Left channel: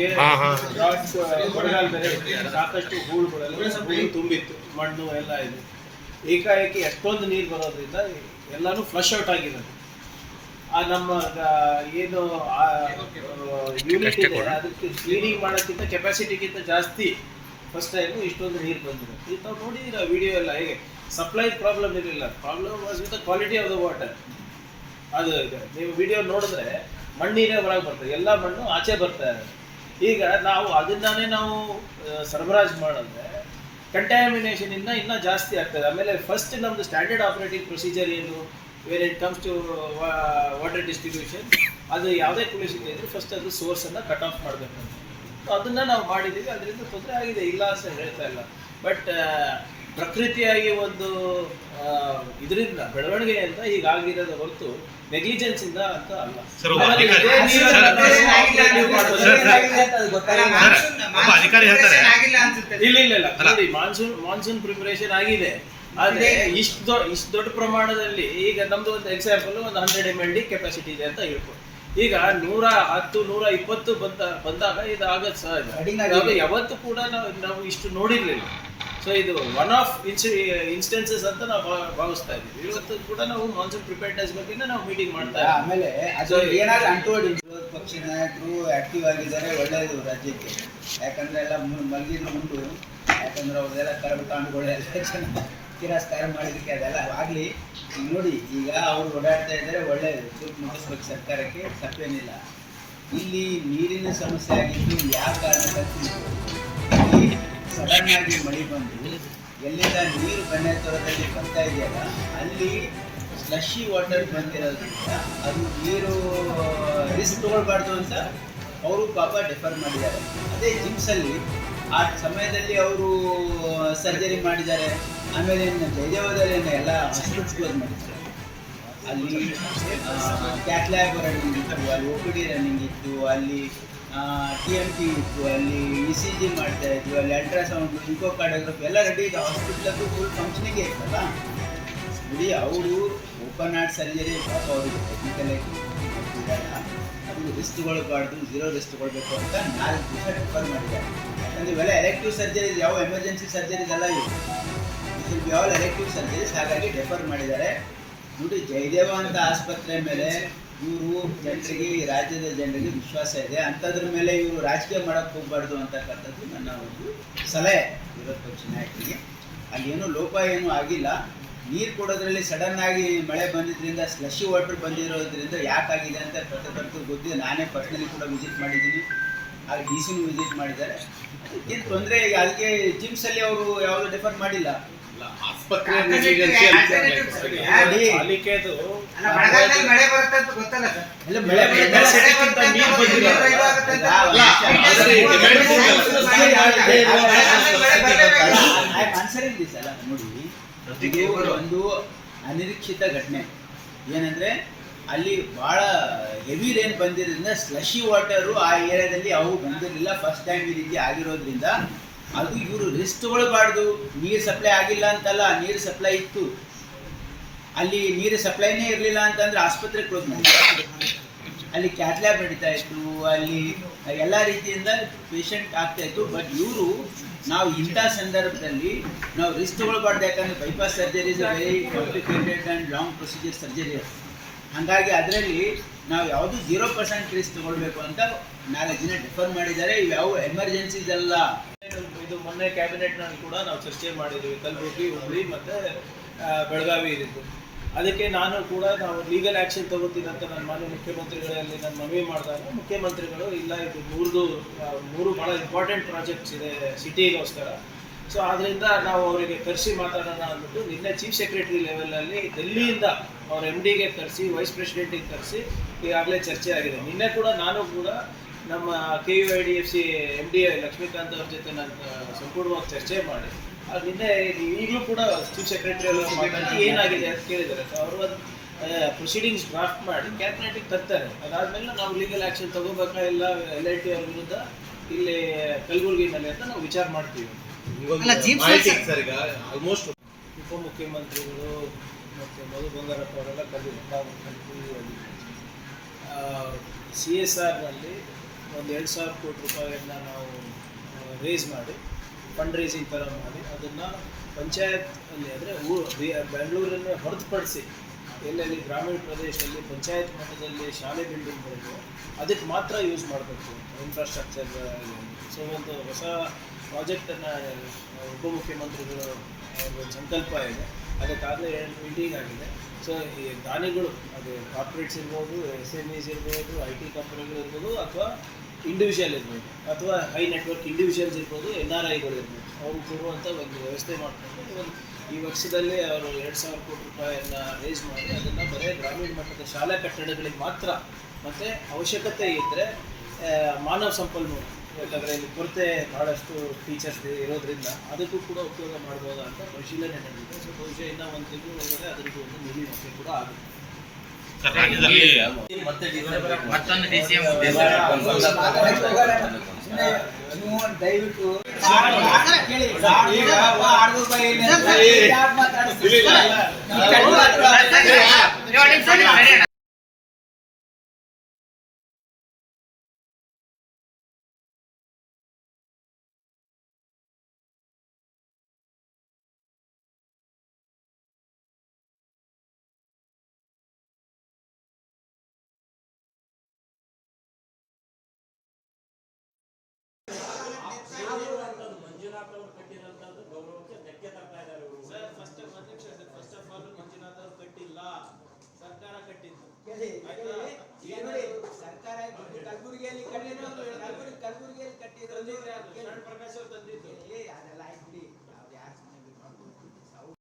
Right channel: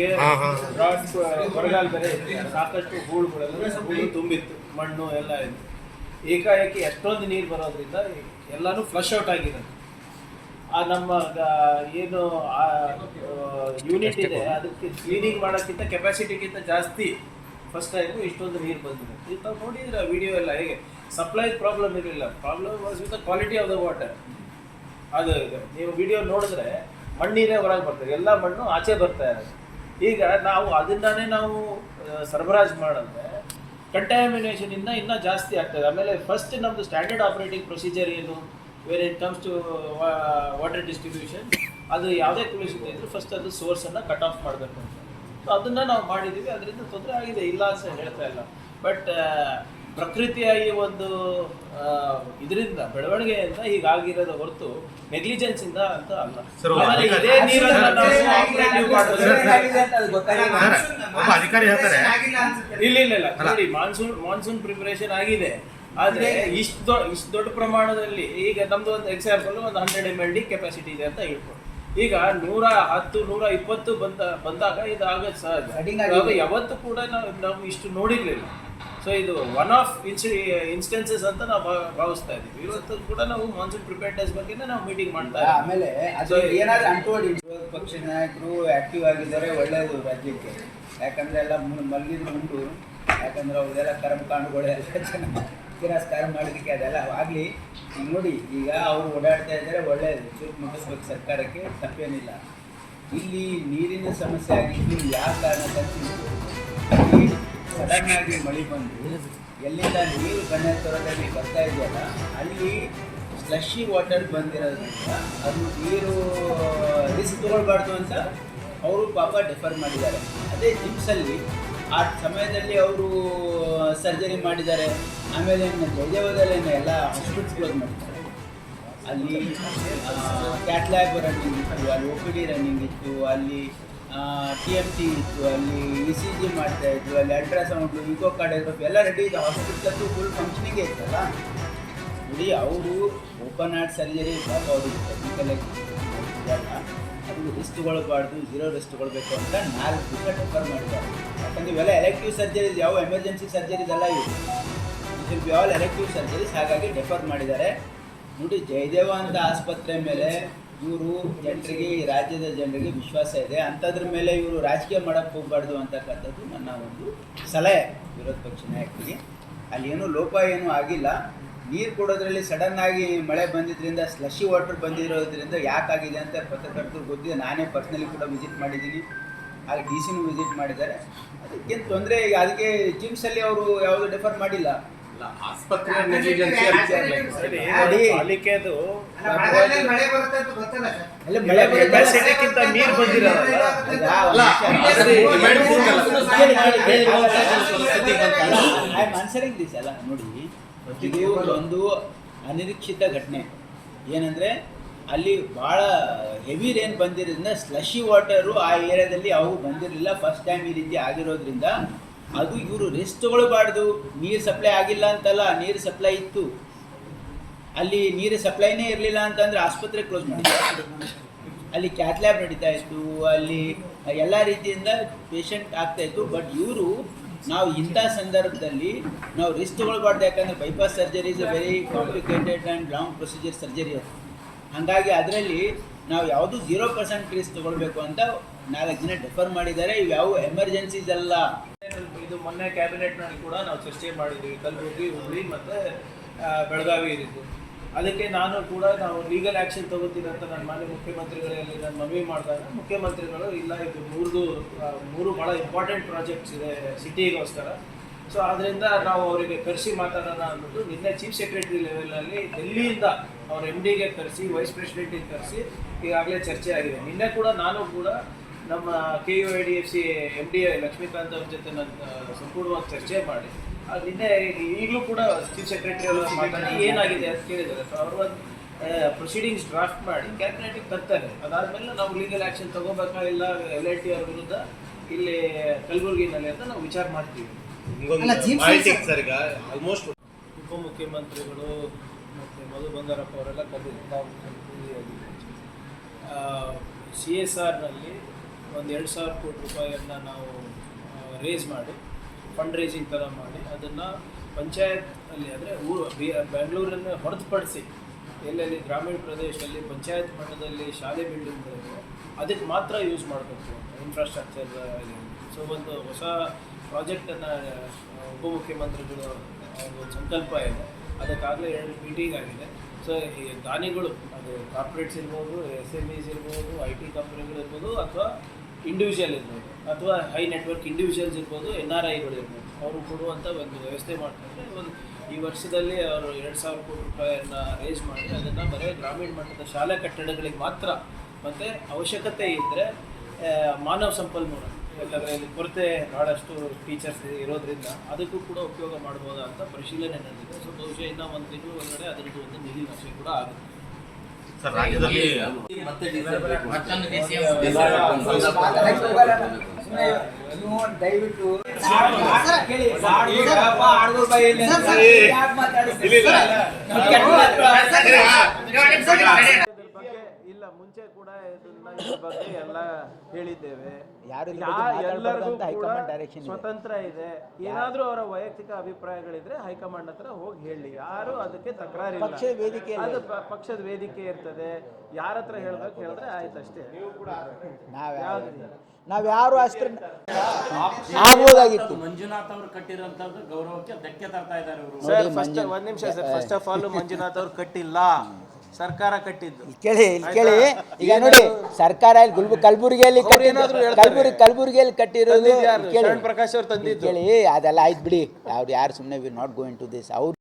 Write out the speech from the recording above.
ನಮಗೆ ಬರಗಾಲ ಬೇರೆ ಸಾಕಷ್ಟು ಹೂಳು ತುಂಬಿತ್ತು, ಮಣ್ಣು ಎಲ್ಲ ಇದೆ. ಏಕಾಏಕಿ ಎಷ್ಟೊಂದು ನೀರು ಬರೋದ್ರಿಂದ ಎಲ್ಲಾನು ಫ್ಲಶ್ ಔಟ್ ಆಗಿರೋದು. ಆ ನಮ್ಮ ಏನು ಯೂನಿಟ್ ಇದೆ ಅದಕ್ಕೆ ಕ್ಲೀನಿಂಗ್ ಮಾಡೋಕ್ಕಿಂತ ಕೆಪಾಸಿಟಿಗಿಂತ ಜಾಸ್ತಿ ಫಸ್ಟ್ ಟೈಮು ಇಷ್ಟೊಂದು ನೀರು ಬಂದಿದೆ. ಇದು ನಾವು ನೋಡಿದ್ರೆ ವಿಡಿಯೋ ಎಲ್ಲ ಹೇಗೆ ಸಪ್ಲೈ ಪ್ರಾಬ್ಲಮ್ ಇರಲಿಲ್ಲ, problem was with the quality of the water. ಅದು ಇದೆ, ನೀವು ವಿಡಿಯೋ ನೋಡಿದ್ರೆ ಮಣ್ಣೀರೇ ಹೊರಗೆ ಬರ್ತದೆ, ಎಲ್ಲ ಮಣ್ಣು ಆಚೆ ಬರ್ತಾ ಇದೆ. ಈಗ ನಾವು ಅದನ್ನೇ ನಾವು ಸರಬರಾಜು ಮಾಡಿದ್ರೆ ಕಂಟ್ಯಾಮಿನೇಷನ್ ಇನ್ನೂ ಜಾಸ್ತಿ ಆಗ್ತದೆ. ಆಮೇಲೆ ಫಸ್ಟ್ ನಮ್ಮದು ಸ್ಟ್ಯಾಂಡರ್ಡ್ ಆಪರೇಟಿಂಗ್ ಪ್ರೊಸೀಜರ್ ಏನು where it comes to water distribution, ಅದು ಯಾವುದೇ ಕಲುಷಿತ ಇದ್ದರೂ ಫಸ್ಟ್ ಅದು ಸೋರ್ಸನ್ನು ಕಟ್ ಆಫ್ ಮಾಡಬೇಕು ಅಂತ ಅದನ್ನು ನಾವು ಮಾಡಿದ್ದೀವಿ. ಅದರಿಂದ ತೊಂದರೆ ಆಗಿದೆ, ಇಲ್ಲ ಅಂತ ಹೇಳ್ತಾ ಇಲ್ಲ. ಬಟ್ ಪ್ರಕೃತಿಯಾಗಿ ಒಂದು ಇದರಿಂದ ಬೆಳವಣಿಗೆಯಿಂದ ಹೀಗಾಗಿರೋದು ಹೊರತು ನೆಗ್ಲಿಜೆನ್ಸ್ ಇಂದ ಅಂತ ಅಲ್ಲ. ಇಲ್ಲ ನೋಡಿ, ಮಾನ್ಸೂನ್ ಪ್ರಿಪರೇಷನ್ ಆಗಿದೆ, ಆದ್ರೆ ಇಷ್ಟು ದೊಡ್ಡ ಪ್ರಮಾಣದಲ್ಲಿ ಈಗ ನಮ್ದು ಒಂದು ಎಕ್ಸಾಂಪಲ್ ಒಂದು 100 mld ಕೆಪಾಸಿಟಿ ಇದೆ ಅಂತ ಹೇಳ್ಕೊಂಡು ಈಗ 110, 120 ಬಂದಾಗ ಇದು ಆಗತ್ತೆ ಸಹಜ. ಯಾವತ್ತೂ ಕೂಡ ನಾವು ಇಷ್ಟು ನೋಡಿರ್ಲಿಲ್ಲ. ಸೊ ಇದು ಒನ್ ಆಫ್ ಇನ್ಸ್ಟೆನ್ಸಸ್ ಅಂತ ನಾವು ಭಾವಿಸ್ತಾ ಇದ್ದೀವಿ. ಇವತ್ತು ಕೂಡ ನಾವು ಮಾನ್ಸೂನ್ ಪ್ರಿಪೇರ್ನೆಸ್ ಬಗ್ಗೆ ನಾವು ಮೀಟಿಂಗ್ ಮಾಡ್ತಾ ಇದ್ದೀವಿ. ಆಮೇಲೆ ಅದು ಏನಾದ್ರು ಅಂಟುವಡಿ ವಿರೋಧ ಪಕ್ಷ ನಾಯಕರು ಆಕ್ಟಿವ್ ಆಗಿದ್ದಾರೆ, ಒಳ್ಳೆಯದು ರಾಜ್ಯಕ್ಕೆ. ಯಾಕಂದ್ರೆ ಎಲ್ಲ ಮಲಗಿದ್ರು ಉಂಟು, ಯಾಕಂದ್ರೆ ಅವ್ರದೆಲ್ಲ ಕರ್ಮಕಾಂಡಗಳೆಲ್ಲ ಚೆನ್ನಾಗಿ ತಿರಸ್ಕಾರ ಮಾಡಲಿಕ್ಕೆ ಅದೆಲ್ಲ ಆಗಲಿ. ಈಗ ನೋಡಿ, ಈಗ ಅವರು ಓಡಾಡ್ತಾ ಇದ್ದಾರೆ, ಒಳ್ಳೆಯದು, ದುಡ್ಡು ಮುಗಿಸ್ಬೇಕು ಸರ್ಕಾರಕ್ಕೆ, ತಪ್ಪೇನಿಲ್ಲ. ಇಲ್ಲಿ ನೀರಿನ ಸಮಸ್ಯೆ ಆಗಿದ್ದು ಯಾವ ಕಾರಣಕ್ಕಂತೂ ಇಲ್ಲಿ ಸಡನ್ ಆಗಿ ಮಳೆ ಬಂದು ಎಲ್ಲಿಂದ ನೀರು ಕನ್ಯಾತುರದಲ್ಲಿ ಬರ್ತಾ ಇದೆಯಲ್ಲ ಅಲ್ಲಿ ಸ್ಲಶಿ ವಾಟರ್ ಬಂದಿರೋದ್ರಿಂದ ಅದು ನೀರು ರಿಸ್ಕ್ ತೊಗೊಳ್ಬಾರ್ದು ಅಂತ ಅವರು ಪಾಪ ಡೆಫರ್ ಮಾಡಿದ್ದಾರೆ. ಅದೇ ಜಿಮ್ಸಲ್ಲಿ ಆ ಸಮಯದಲ್ಲಿ ಅವರು ಸರ್ಜರಿ ಮಾಡಿದ್ದಾರೆ. ಆಮೇಲೆ ಜಯದೇವದಲ್ಲಿ ಎಲ್ಲ ಹಾಸ್ಪಿಟಲ್ಸ್ ಕ್ಲೋಸ್ ಮಾಡಿದ್ದಾರೆ. ಅಲ್ಲಿ ಕ್ಯಾಟ್ ರನ್ನಿಂಗ್ ಇತ್ತು, ಅಲ್ಲಿ OPD ರನ್ನಿಂಗ್ ಇತ್ತು, ಅಲ್ಲಿ TMT ಇತ್ತು, ಅಲ್ಲಿ ECG ಮಾಡ್ತಾ ಇದ್ವಿ, ಅಲ್ಲಿ ಅಲ್ಟ್ರಾಸೌಂಡು, ಇಕೋ ಕಾರ್ಡಿಯೋಗ್ರಫಿ ಎಲ್ಲ ರೆಡಿ ಇದೆ. ಹಾಸ್ಪಿಟ್ಲದ್ದು ಫುಲ್ ಫಂಕ್ಷನಿಂಗೇ ಇತ್ತಲ್ಲ. ನೋಡಿ, ಅವರು ಓಪನ್ ಹಾರ್ಟ್ ಸರ್ಜರಿ ಪಾಪ ಅವರಿಗೆ ಟೆಕ್ನಿಕಲಾಗಿ ಮಾಡ್ತಿದ್ದಲ್ಲ, ಅದು ರಿಸ್ಕ್ ತೊಗೊಳ್ಬಾರ್ದು, 0 ರಿಸ್ಕ್ ತೊಗೊಳ್ಬೇಕು ಅಂತ 4 ದಿವಸ ಡೆಫರ್ ಮಾಡಿದ್ದಾರೆ. ಯಾಕಂದರೆ ಇವೆಲ್ಲ ಎಲೆಕ್ಟಿವ್ ಸರ್ಜರೀಸ್, ಯಾವ ಎಮರ್ಜೆನ್ಸಿ ಸರ್ಜರೀಸ್ ಎಲ್ಲ ಇವು, it will be all elective surgeries. ಹಾಗಾಗಿ ಡೆಫರ್ ಮಾಡಿದ್ದಾರೆ. ನೋಡಿ, ಜಯದೇವ ಅಂತ ಆಸ್ಪತ್ರೆ ಮೇಲೆ ಇವರು ಜನರಿಗೆ, ಈ ರಾಜ್ಯದ ಜನರಿಗೆ ವಿಶ್ವಾಸ ಇದೆ. ಅಂಥದ್ರ ಮೇಲೆ ಇವರು ರಾಜಕೀಯ ಮಾಡೋಕ್ಕೆ ಹೋಗಬಾರ್ದು ಅಂತಕ್ಕಂಥದ್ದು ನನ್ನ ಒಂದು ಸಲಹೆ ವಿರೋಧ ಪಕ್ಷ ನಾಯಕರಿಗೆ. ಅಲ್ಲಿ ಏನೂ ಲೋಪ ಏನೂ ಆಗಿಲ್ಲ. ನೀರು ಕೊಡೋದ್ರಲ್ಲಿ ಸಡನ್ ಆಗಿ ಮಳೆ ಬಂದಿದ್ದರಿಂದ, ಸ್ಲಶಿ ವಾಟರ್ ಬಂದಿರೋದ್ರಿಂದ ಯಾಕಾಗಿದೆ ಅಂತ ಪತ್ರಕರ್ತರು ಗೊತ್ತಿದೆ. ನಾನೇ ಪರ್ಸ್ನಲಿ ಕೂಡ ವಿಸಿಟ್ ಮಾಡಿದ್ದೀನಿ, ಹಾಗೆ DC ವಿಸಿಟ್ ಮಾಡಿದ್ದಾರೆ. ಅದಕ್ಕೇನು ತೊಂದರೆ, ಅದಕ್ಕೆ ಜಿಮ್ಸಲ್ಲಿ ಅವರು ಯಾವುದು ಡೆಫರ್ ಮಾಡಿಲ್ಲ. ಆಸ್ಪತ್ರೆ ನೋಡಿ, ಇದು ಒಂದು ಅನಿರೀಕ್ಷಿತ ಘಟನೆ. ಏನಂದ್ರೆ ಅಲ್ಲಿ ಭಾಳ ಹೆವಿ ರೇನ್ ಬಂದಿರೋದ್ರಿಂದ ಸ್ಲಶಿ ವಾಟರು ಆ ಏರಿಯಾದಲ್ಲಿ ಅವು ಬಂದಿರಲಿಲ್ಲ. ಫಸ್ಟ್ ಟೈಮ್ ಈ ರೀತಿ ಆಗಿರೋದ್ರಿಂದ ಅದು ಇವರು ರಿಸ್ಕ್ ತೊಗೊಳ್ಬಾರ್ದು. ನೀರು ಸಪ್ಲೈ ಆಗಿಲ್ಲ ಅಂತಲ್ಲ, ನೀರು ಸಪ್ಲೈ ಇತ್ತು. ಅಲ್ಲಿ ನೀರು ಸಪ್ಲೈನೇ ಇರಲಿಲ್ಲ ಅಂತಂದರೆ ಆಸ್ಪತ್ರೆ ಕ್ಲೋಸ್ ಮಾಡಿದ್ದಾರೆ. ಅಲ್ಲಿ ಕ್ಯಾತ್ ಲ್ಯಾಬ್ ನಡೀತಾ ಇತ್ತು, ಅಲ್ಲಿ ಎಲ್ಲ ರೀತಿಯಿಂದ ಪೇಷಂಟ್ ಆಗ್ತಾಯಿತ್ತು. ಬಟ್ ಇವರು ನಾವು ಇಂಥ ಸಂದರ್ಭದಲ್ಲಿ ನಾವು ರಿಸ್ಕ್ ತೊಗೊಳ್ಬಾರ್ದು. ಯಾಕಂದರೆ bypass surgery is a very complicated and long procedure surgery. ಹಾಗಾಗಿ ಅದರಲ್ಲಿ ನಾವು ಯಾವುದು 0% ರಿಸ್ಕ್ ತೊಗೊಳ್ಬೇಕು ಅಂತ 4 ದಿನ ಡೆಫರ್ ಮಾಡಿದ್ದಾರೆ. ಇವ್ಯಾವು ಎಮರ್ಜೆನ್ಸೀಸ್ ಅಲ್ಲ. ಇದು ಮೊನ್ನೆ ಕ್ಯಾಬಿನೆಟ್ನಲ್ಲಿ ಕೂಡ ನಾವು ಚರ್ಚೆ ಮಾಡಿದ್ದೀವಿ, ಕಲಬುರಗಿ, ಹುಬ್ಬಳ್ಳಿ ಮತ್ತು ಬೆಳಗಾವಿ ಇರಿದ್ದು. ಅದಕ್ಕೆ ನಾನು ಕೂಡ ನಾವು ಲೀಗಲ್ ಆ್ಯಕ್ಷನ್ ತೊಗೋತೀನಿ ಅಂತ ನಾನು ಮಾನ್ಯ ಮುಖ್ಯಮಂತ್ರಿಗಳಲ್ಲಿ ನಾನು ಮನವಿ ಮಾಡಿದಾಗ ಮುಖ್ಯಮಂತ್ರಿಗಳು ಇಲ್ಲ, ಇದು ಮೂರು ಭಾಳ ಇಂಪಾರ್ಟೆಂಟ್ ಪ್ರಾಜೆಕ್ಟ್ಸ್ ಇದೆ ಸಿಟಿಗೋಸ್ಕರ. ಸೊ ಆದ್ದರಿಂದ ನಾವು ಅವರಿಗೆ ಕರೆಸಿ ಮಾತಾಡೋಣ ಅಂದ್ಬಿಟ್ಟು ನಿನ್ನೆ ಚೀಫ್ ಸೆಕ್ರೆಟರಿ ಲೆವೆಲಲ್ಲಿ ಡೆಲ್ಲಿಯಿಂದ ಅವ್ರ MDಗೆ ಕರೆಸಿ, ವೈಸ್ ಪ್ರೆಸಿಡೆಂಟಿಗೆ ಕರೆಸಿ ಈಗಾಗಲೇ ಚರ್ಚೆ ಆಗಿದೆ. ನಿನ್ನೆ ಕೂಡ ನಾನು ಕೂಡ ನಮ್ಮ KUIDFC MD ಲಕ್ಷ್ಮೀಕಾಂತ್ ಅವ್ರ ಜೊತೆ ನಾನು ಸಂಪೂರ್ಣವಾಗಿ ಚರ್ಚೆ ಮಾಡಿ ನಿನ್ನೆ ಈಗಲೂ ಕೂಡ ಚೀಫ್ ಸೆಕ್ರೆಟರಿ ಅವರು ಮಾತಾಡಿ ಏನಾಗಿದೆ ಅಂತ ಕೇಳಿದ್ದಾರೆ. ಸೊ ಅವರು ಒಂದು ಪ್ರೊಸೀಡಿಂಗ್ಸ್ ಡ್ರಾಫ್ಟ್ ಮಾಡಿ ಕ್ಯಾಬಿನೆಟಿಗೆ ತರ್ತಾರೆ. ಅದಾದಮೇಲೆ ನಾವು ಲೀಗಲ್ ಆ್ಯಕ್ಷನ್ ತೊಗೋಬೇಕಾ ಇಲ್ಲ LIT ಅವ್ರ ವಿರುದ್ಧ ಇಲ್ಲಿ ಕಲಬುರಗಿನಲ್ಲಿ ಅಂತ ನಾವು ವಿಚಾರ ಮಾಡ್ತೀವಿ. ಆಲ್ಮೋಸ್ಟ್ ಉಪಮುಖ್ಯಮಂತ್ರಿಗಳು ಮತ್ತು ಮಧು ಬಂಗಾರಪ್ಪ ಅವರೆಲ್ಲ ಕರೆದಿದ್ದಾರೆ. CSRನಲ್ಲಿ ಒಂದು 2,000 ಕೋಟಿ ರೂಪಾಯಿಯನ್ನು ನಾವು ರೇಸ್ ಮಾಡಿ ಫಂಡ್ ರೇಸಿಂಗ್ ಥರ ಮಾಡಿ ಅದನ್ನು ಪಂಚಾಯತ್ ಅಲ್ಲಿ ಅಂದರೆ ಬೆಂಗಳೂರನ್ನೇ ಹೊರತುಪಡಿಸಿ ಎಲ್ಲೆಲ್ಲಿ ಗ್ರಾಮೀಣ ಪ್ರದೇಶದಲ್ಲಿ ಪಂಚಾಯತ್ ಮಟ್ಟದಲ್ಲಿ ಶಾಲೆ ಬಿಲ್ಡಿಂಗ್ಗಳಿವೆ ಅದಕ್ಕೆ ಮಾತ್ರ ಯೂಸ್ ಮಾಡಬೇಕು ಇನ್ಫ್ರಾಸ್ಟ್ರಕ್ಚರ್. ಸೊ ಒಂದು ಹೊಸ ಪ್ರಾಜೆಕ್ಟನ್ನು ಉಪಮುಖ್ಯಮಂತ್ರಿಗಳು ಒಂದು ಸಂಕಲ್ಪ ಇದೆ, ಅದಕ್ಕಾಗಲೇ 2 ಮೀಟಿಂಗ್ ಆಗಿದೆ. ಸೊ ಈ ದಾನಿಗಳು ಅದು ಕಾರ್ಪೊರೇಟ್ಸ್ ಇರ್ಬೋದು, SMEs ಇರ್ಬೋದು, IT ಕಂಪ್ನಿಗಳು ಇರ್ಬೋದು, ಅಥವಾ ಇಂಡಿವಿಜುವಲ್ ಇರ್ಬೋದು, ಅಥವಾ ಹೈ ನೆಟ್ವರ್ಕ್ ಇಂಡಿವಿಜುವಲ್ಸ್ ಇರ್ಬೋದು, NRIಗಳು ಇರ್ಬೋದು, ಅವರು ಕೊಡುವಂಥ ಒಂದು ವ್ಯವಸ್ಥೆ ಮಾಡ್ಕೊಂಡು ಈ ವರ್ಷದಲ್ಲಿ ಅವರು 2,000 ಕೋಟಿ ರೂಪಾಯಿಯನ್ನು ರೇಸ್ ಮಾಡಿ ಅದನ್ನು ಬರೀ ಗ್ರಾಮೀಣ ಮಟ್ಟದ ಶಾಲಾ ಕಟ್ಟಡಗಳಿಗೆ ಮಾತ್ರ, ಮತ್ತು ಅವಶ್ಯಕತೆ ಇದ್ದರೆ ಮಾನವ ಸಂಪನ್ಮೂಲ, ಯಾಕಂದರೆ ಇಲ್ಲಿ ಕೊರತೆ ಭಾಳಷ್ಟು ಟೀಚರ್ಸ್ ಇರೋದ್ರಿಂದ ಅದಕ್ಕೂ ಕೂಡ ಉಪಯೋಗ ಮಾಡ್ಬೋದಾ ಅಂತ ಪರಿಶೀಲನೆ ನಡೆದಿದೆ. ಸೊ ಬಹುಶಃ ಇನ್ನೂ 1 ತಿಂಗಳು ಒಳಗಡೆ ಅದರದ್ದು ಒಂದು ನಿರೀಕ್ಷೆ ಕೂಡ ಆಗುತ್ತೆ. ಸರ್, ರಾಜ್ಯದಲ್ಲಿ ನೀವು ದಯವಿಟ್ಟು ಇಲ್ಲ, ಮುಂಚೆ ಕೂಡ ಇದ್ರ ಬಗ್ಗೆ ಎಲ್ಲ ಹೇಳಿದ್ದೇವೆ. ಯಾರು ಎಲ್ಲರಿಗೂ ಕೂಡ ಸ್ವತಂತ್ರ ಇದೆ. ಏನಾದರೂ ಅವರ ವೈಯಕ್ತಿಕ ಅಭಿಪ್ರಾಯಗಳಿದ್ರೆ ಹೈಕಮಾಂಡ್ ಹತ್ರ ಹೋಗಿ ಹೇಳಿ, ಯಾರು ಅದಕ್ಕೆ ತಕರಾರಿಲ್ಲ. ಅದು ಪಕ್ಷದ ವೇದಿಕೆ ಇರ್ತದೆ, ಯಾರ ಹತ್ರ ಹೇಳ್ಬೇಕು ಹೇಳಿದ್ರೆ ಆಯ್ತು ಅಷ್ಟೇ. ನಾವ್ಯಾರು ಅಷ್ಟೇ ಆಗ್ಬೋದಾಗಿತ್ತು. ಮಂಜುನಾಥ್ ಅವರು ಕಟ್ಟಿರೋಂಥದ್ದು ಗೌರವಕ್ಕೆ ಧಕ್ಕೆ ತರ್ತಾ ಇದ್ದಾರೆ ಅವರು. ಸರ್, ಒಂದು ನಿಮಿಷ sir. First of all Manjunath ಅವ್ರು ಕಟ್ಟಿಲ್ಲ, ಸರ್ಕಾರ ಕಟ್ಟಿದ್ದು. ಕೇಳಿ ಈಗ ನೋಡಿ, ಸರ್ಕಾರ ಕಲಬುರಗಿಯಲ್ಲಿ ಕಲಬುರಗಿಯಲ್ಲಿ ಕಟ್ಟಿರೋದು ಪ್ರಕಾಶ್ ಅವ್ರು ತಂದಿದ್ದು. ಕೇಳಿ, ಅದೆಲ್ಲ ಆಯ್ತು ಬಿಡಿ. ಯಾರು ಸುಮ್ಮನೆ we not going to this. ಅವ್ರು